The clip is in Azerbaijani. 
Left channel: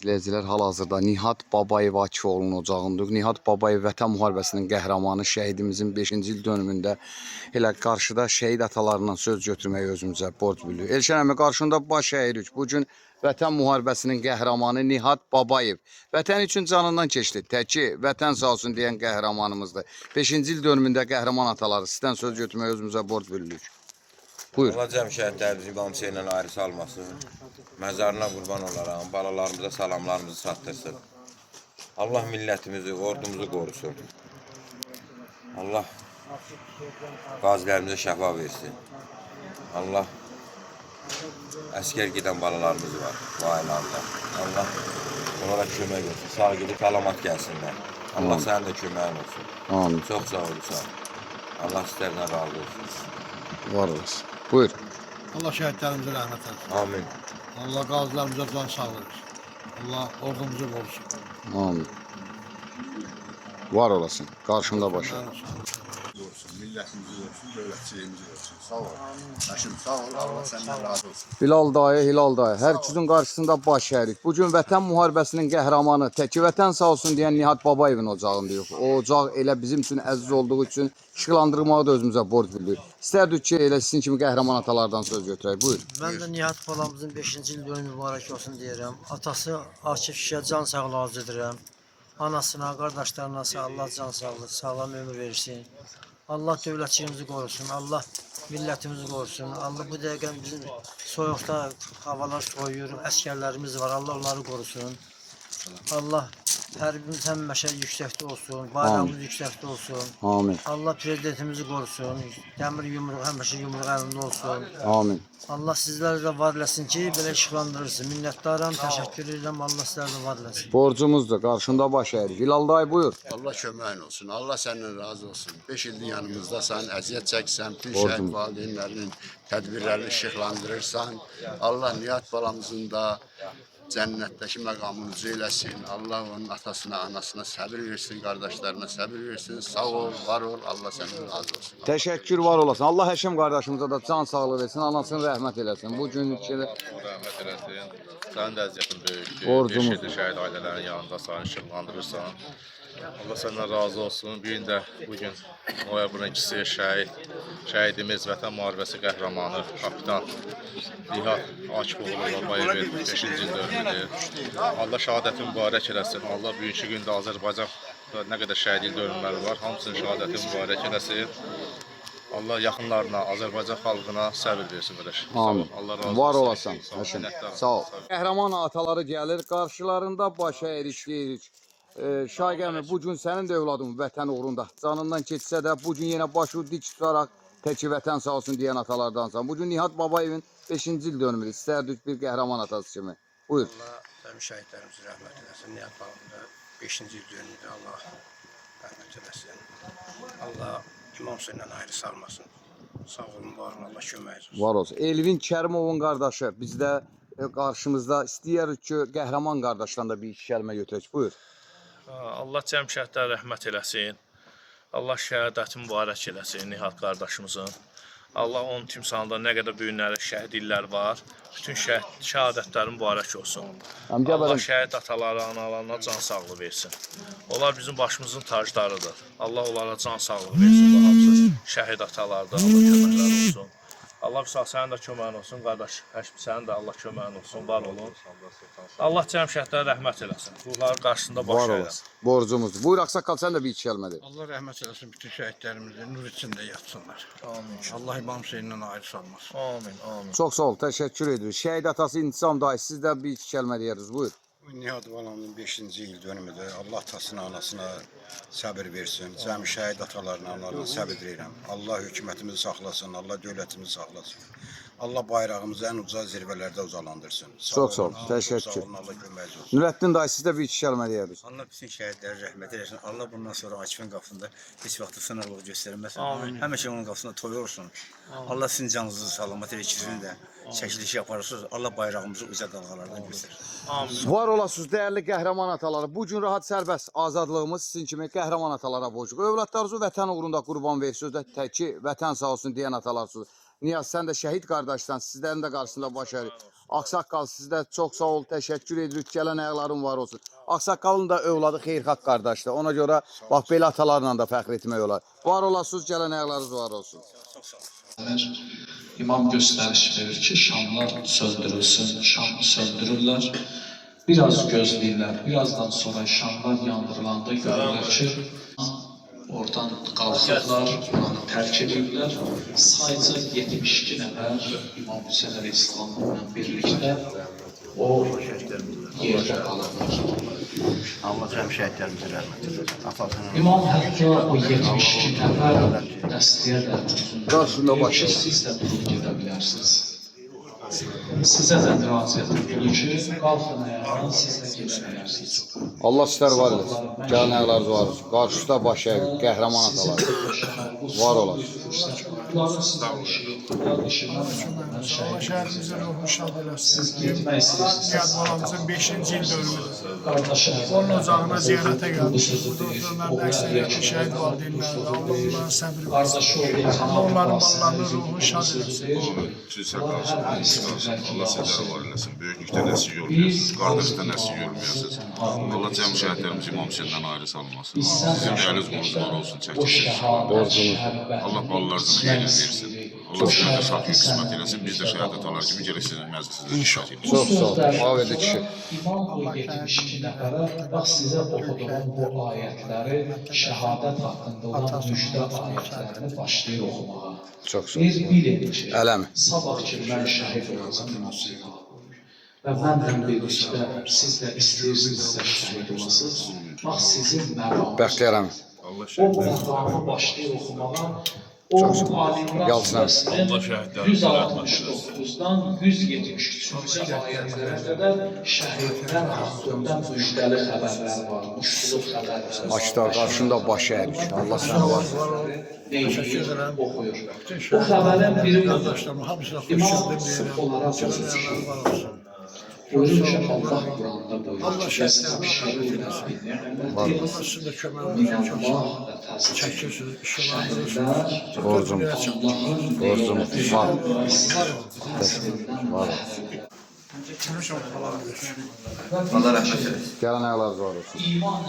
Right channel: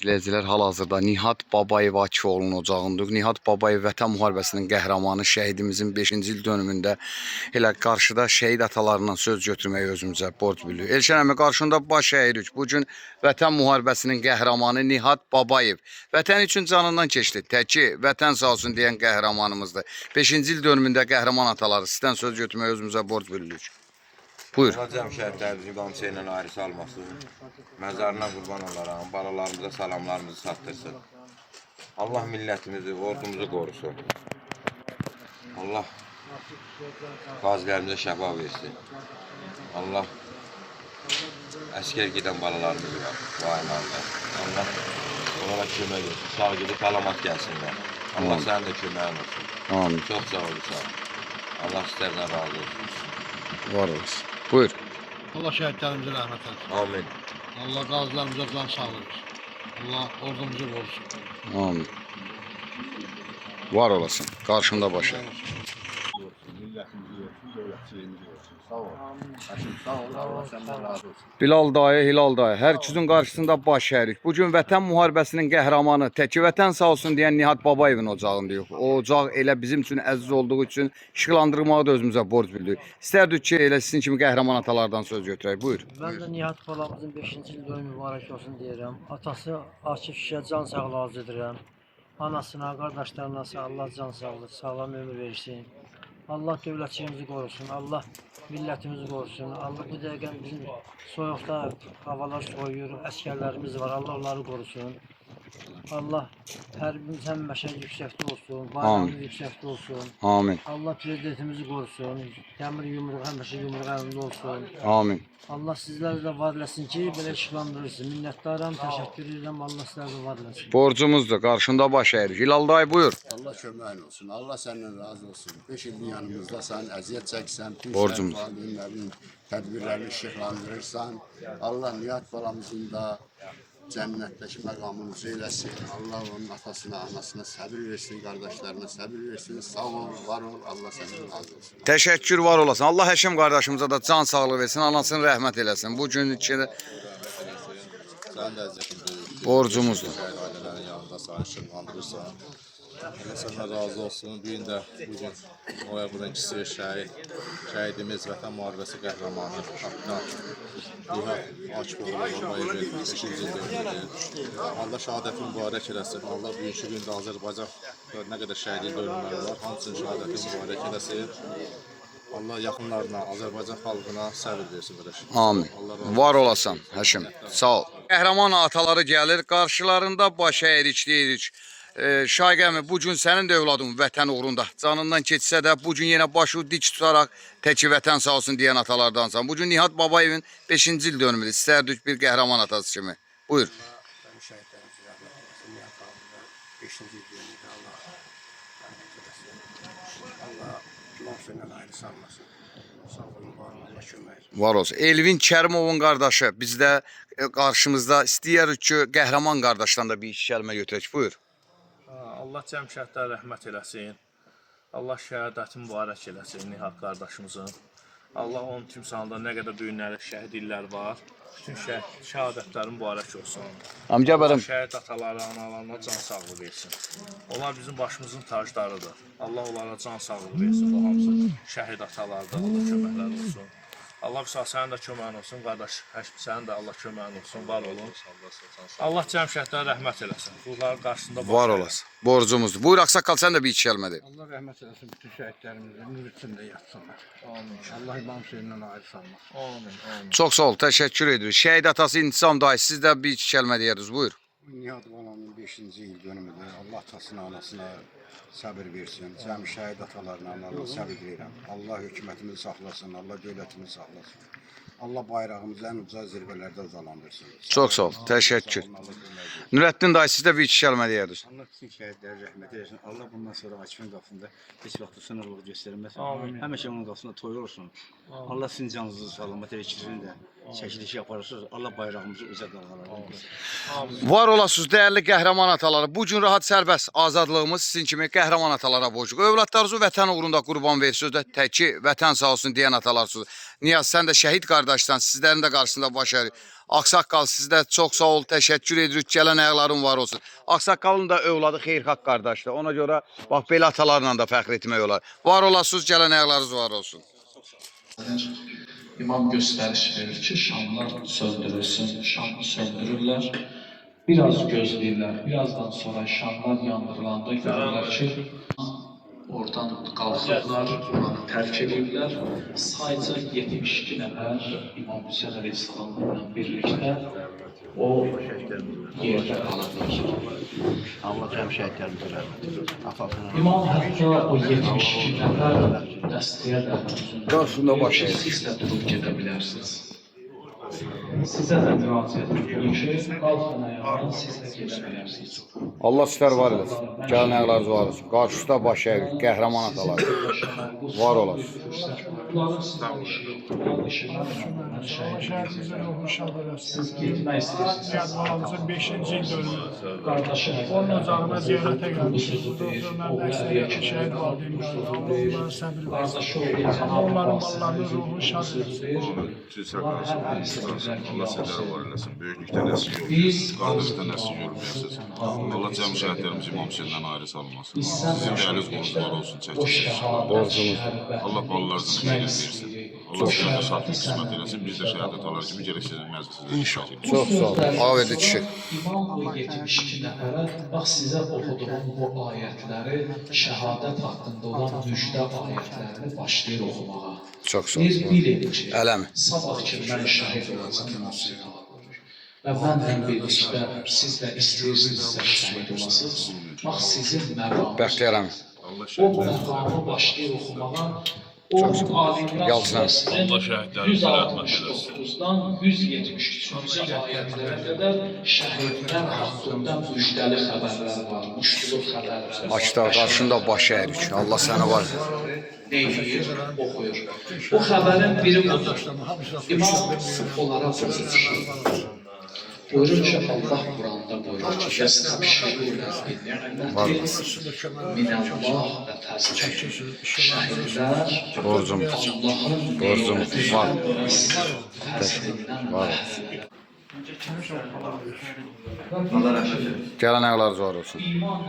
İzləyicilər, hal-hazırda Nihat Babayev Akıfoğlu'nun ocağındayıq. Nihat Babayev Vətən müharibəsinin qəhrəmanı, şəhidimizin 5-ci il dönümündə elə qarşıda şəhid atalarından söz götürməyi özümüzə borc bilirik. Elşən əmi, qarşında baş əyirik. Bugün Vətən müharibəsinin qəhrəmanı Nihat Babayev. Vətən üçün canından keçdi. Təki vətən sağ olsun deyən qəhrəmanımızdır. 5-ci il dönümündə qəhrəman ataları sizdən söz götürməyi özümüzə borc bilirik. Buyur. Allah cəmşəhətlərimizi qamçı ilə ayrı salmasın. Məzarına qurban olaram. Balalarımıza salamlarımızı çatdırsın. Allah millətimizi, ordumuzu qorusun. Allah qazilərimizə şəfa versin. Allah əskər gedən balalarımız var bu aylarda. Allah onlara kömək versin. Sağ gedib salamat gəlsinlər. Allah sənin də köməyin olsun. Amin. Çox sağ olursan. Allah sizlərdən razı olsun. Var olasın. Buyur. Allah şəhidlərimizə rəhmət etsin. Amin. Allah qazilərimizə can sağlığı versin. Allah ordumuzu qorusun. Amin. Var olasın. Qarşında başı. Olsun, millətimizi olsun, dövlətçiliyimizi olsun. Sağ ol. Həşim, sağ ol. Allah səndən razı olsun. Bilal dayı, Hilal dayı, hər ikisinin qarşısında baş əyirik. Bugün Vətən müharibəsinin qəhrəmanı, təki vətən sağ olsun deyən Nihat Babayevin ocağındayıq. O ocaq elə bizim üçün əziz olduğu üçün işıqlandırmağı da özümüzə borc bildik. İstərdik ki, elə sizin kimi qəhrəman atalardan söz götürək. Buyur. Mən də Nihat balamızın 5-ci il dönümü mübarək olsun deyirəm. Atası Akif kişiyə can sağlığı arz edirəm. Anasına, qardaşlarına Allah can sağlığı, sağlam ömür versin. Allah dövlətçiliyimizi qorusun, Allah millətimizi qorusun. Allah bu dəqiqə bizim soyuqda havalar soyuyur, əskərlərimiz var, Allah onları qorusun. Allah hər birimiz həmişə yüksəkdə olsun, bayrağımız yüksəkdə olsun. Amin. Allah prezidentimizi qorusun, dəmir yumruq həmişə yumruq əlində olsun. Amin. Allah sizləri də var eləsin ki, belə işıqlandırırsın. Minnətdaram, təşəkkür edirəm, Allah sizləri də var eləsin. Borcumuzdur. Qarşında baş əyirik. Hilal dayı, buyur. Allah köməyin olsun. Allah səndən razı olsun. 5 ildir yanımızdasan, əziyyət çəksən, bütün Borcumuz. şəhid valideynlərinin tədbirlərini işıqlandırırsan. Allah Nihat balamızın da cənnətdəki məqamını üzeyləsin. Allah onun atasına, anasına səbir versin, qardaşlarına səbir versin. Sağ ol, var ol. Allah səndən razı olsun. Təşəkkür var olasın. Allah Həşim qardaşımıza da can sağlığı versin, anasını rəhmət eləsin. Bu gün içində Rəhmət eləsin. Sənin də əziyyətin böyükdür. Borcumuzdur. Şəhid ailələrin yanında səni işıqlandırırsan. Allah səndən razı olsun. Bir gün də bugün noyabrın 2-si şəhidimiz Vətən müharibəsi qəhrəmanı kapitan Nihat Akıfoğlu Babayevin 5-ci il dönümüdür. Allah şəhadəti mübarək eləsin. Allah bugünkü gündə Azərbaycanda nə qədər şəhid dönümləri var, hamısının şəhadəti mübarək eləsin. Allah yaxınlarına, Azərbaycan xalqına səbir versin qardaş. amin. Allah razı olsun. Var olasan Həşim. Sağ ol. Qəhrəman ataları gəlir, qarşılarında baş əyirik deyirik. Şayqəmi, bu gün sənin də övladın vətən uğrunda canından keçsə də bu gün yenə başı dik tutaraq təki vətən sağ olsun deyən atalardansan. Bu gün Nihat Babayevin 5-ci il dönümüdür. İstərdik bir qəhrəman atası kimi. Buyur. Allah şəhidlərimizə rəhmət eləsin. Nihat balamızda 5-ci il dönümdə Allah rəhmət eləsin. Allah kimsə ilə ayrı salmasın. Sağ olun, var olun, Allah köməyiniz olsun. Var olsun. Elvin Kərimovun qardaşı bizdə qarşımızda istəyirik ki, qəhrəman qardaşdan da bir iki kəlmə götürək. Buyur. Allah cəmşəhətlərə rəhmət eləsin. Allah şəhadəti mübarək eləsin Nihat qardaşımızın. Allah onun timsalında nə qədər düyünləri, şəhid illər var. Bütün şəhadətləri mübarək olsun. Amca Allah bərim. şəhid ataları, analarına can sağlığı versin. Onlar bizim başımızın taclarıdır. Allah onlara can sağlığı versin. Bu hamısı şəhid atalardır. Allah köməkləri olsun. Allah sənin də köməyin olsun, qardaş. Həşm sənin də Allah köməyin olsun, var olun. Allah cəmşəhətlərə rəhmət eləsin. Ruhların qarşısında baş Var əyləsin. olasın. Borcumuzdur. Buyur Ağsaqqal, sən də bir iki kəlmə de. Allah rəhmət eləsin bütün şəhidlərimizə, nur içində yatsınlar. Amin. Allah imamsı ilə ayrı salmasın. Amin, amin. Çox sağ ol, təşəkkür edirik. Şəhid atası İntisam dayı, siz də bir iki kəlmə deyərdiniz. Buyur. Nihat balamın 5-ci il dönümüdür. Allah atasına, anasına səbir versin. Cəmi şəhid atalarına, analarına səbir edirəm. Allah hökumətimizi saxlasın, Allah dövlətimizi saxlasın. Allah bayrağımızı ən uca zirvələrdə ucalandırsın. Çox sağ ol, təşəkkür. Nurəddin dayı, siz də bir iki kəlmə deyərdiniz. Allah bütün şəhidlərə rəhmət eləsin. Allah bundan sonra Akifin qapısında heç vaxt sınırlıq göstərməsin. Amin. Həmişə onun qapısında toy olsun. Allah sizin canınızı salamat elə ikisini də çəkiliş yaparsınız. Allah bayrağımızı uca dalğalardan göstərir. Var olasınız dəyərli qəhrəman ataları. Bu gün rahat sərbəst azadlığımız sizin kimi qəhrəman atalara borcluq. Övladlarınızı vətən uğrunda qurban versiniz də təki vətən sağ olsun deyən atalarsınız. Niyaz, sən də şəhid qardaşsan, sizlərin də qarşısında baş əyirik. Ağsaqqal sizdə çox sağ ol, təşəkkür edirik. Gələn ayaqların var olsun. Ağsaqqalın da övladı xeyirxah qardaşdır. Ona görə bax belə atalarla da fəxr etmək olar. Var olasınız, gələn ayaqlarınız var olsun. İmam gösteriş verir ki şamlar söndürülsün, şamı söndürürler. Biraz gözləyirlər, birazdan sonra şamlar yandırılanda görürlər ki, oradan qalxırlar, oranı tərk edirlər. Sayca 72 nəfər İmam Hüseyin Əleyhisselamla birlikdə o yerdə qalırlar. Allah cəm şəhidlərimizə rəhmət etsin. İmam hətta o 72 nəfər dəstəyə də Qarşında başı. siz də durub gedə bilərsiniz. Sizə də müraciət edir ki, qalxın ayağa, siz də gedə bilərsiniz. Allah sizlər var eləsin. Gələn ayaqlarınız var olsun. Qarşıda baş əyirik, qəhrəman atalar. Var olasın. Bunların sizdən işi yoxdur. Bunların işi Allah şəhidimizin ruhunu şad eləsin. Siz getmək istəyirsiniz. Nihat balamızın 5-ci il dönümüdür. Qardaşım, Onun ocağına ziyarətə gəlmişik. Burada oturanların əksəriyyəti şəhid valideynlərdir. Allah onların səbir versin. Allah onların ballarının ruhunu şad eləsin. Allah sizlərə var eləsin. Böyüklükdə nəsil görməyəsiniz, qardaşda nəsil görməyəsiniz. Allah cəm şəhidlərimiz İmam Hüseyndən ayrı salmasın. Sizin də əliniz qolunuz var olsun, çəkilsin. Allah balalarınızın xeyrini versin. Allah sizlərə də şahid qismət eləsin. Biz də şəhadət alar kimi gələk sizin məclisinizdə iştirak edirik. Çox sağ ol. Ağverdi kişi. İmam bu 72 nəfərə, bax sizə oxuduğum bu ayətləri, şəhadət haqqında olan müjdə ayətlərini başlayır oxumağa. Çox sağ ol. Bilin ki, Ələmi. sabah ki mən şəhid olacam, və mənlə birlikdə siz də istəyirsinizsə şəhid olasınız. Bax sizin məqamınız. Bəxtiyarəm. O məqamı başlayır oxumağa. O alimlər Yalçın. Allah şəhidlərimizə rəhmət 169-dan 173-cü ayətlərə qədər şəhidlər haqqında müjdəli xəbərlər var, muştuluq xəbərlər var. Açda qarşında baş əyirik. Allah səni var. Neyir, oxuyur. O xəbərin biri budur. İmam sırf olaraq sözü çıxır. Buyurur ki, Allah Quranda buyurur ki, Yəstəbşirunə bin-ni'məti minəllah və təzkir. Şəhidlər Borcum. Borcum var. Var. Gələn ayaqlarınız var olsun. İman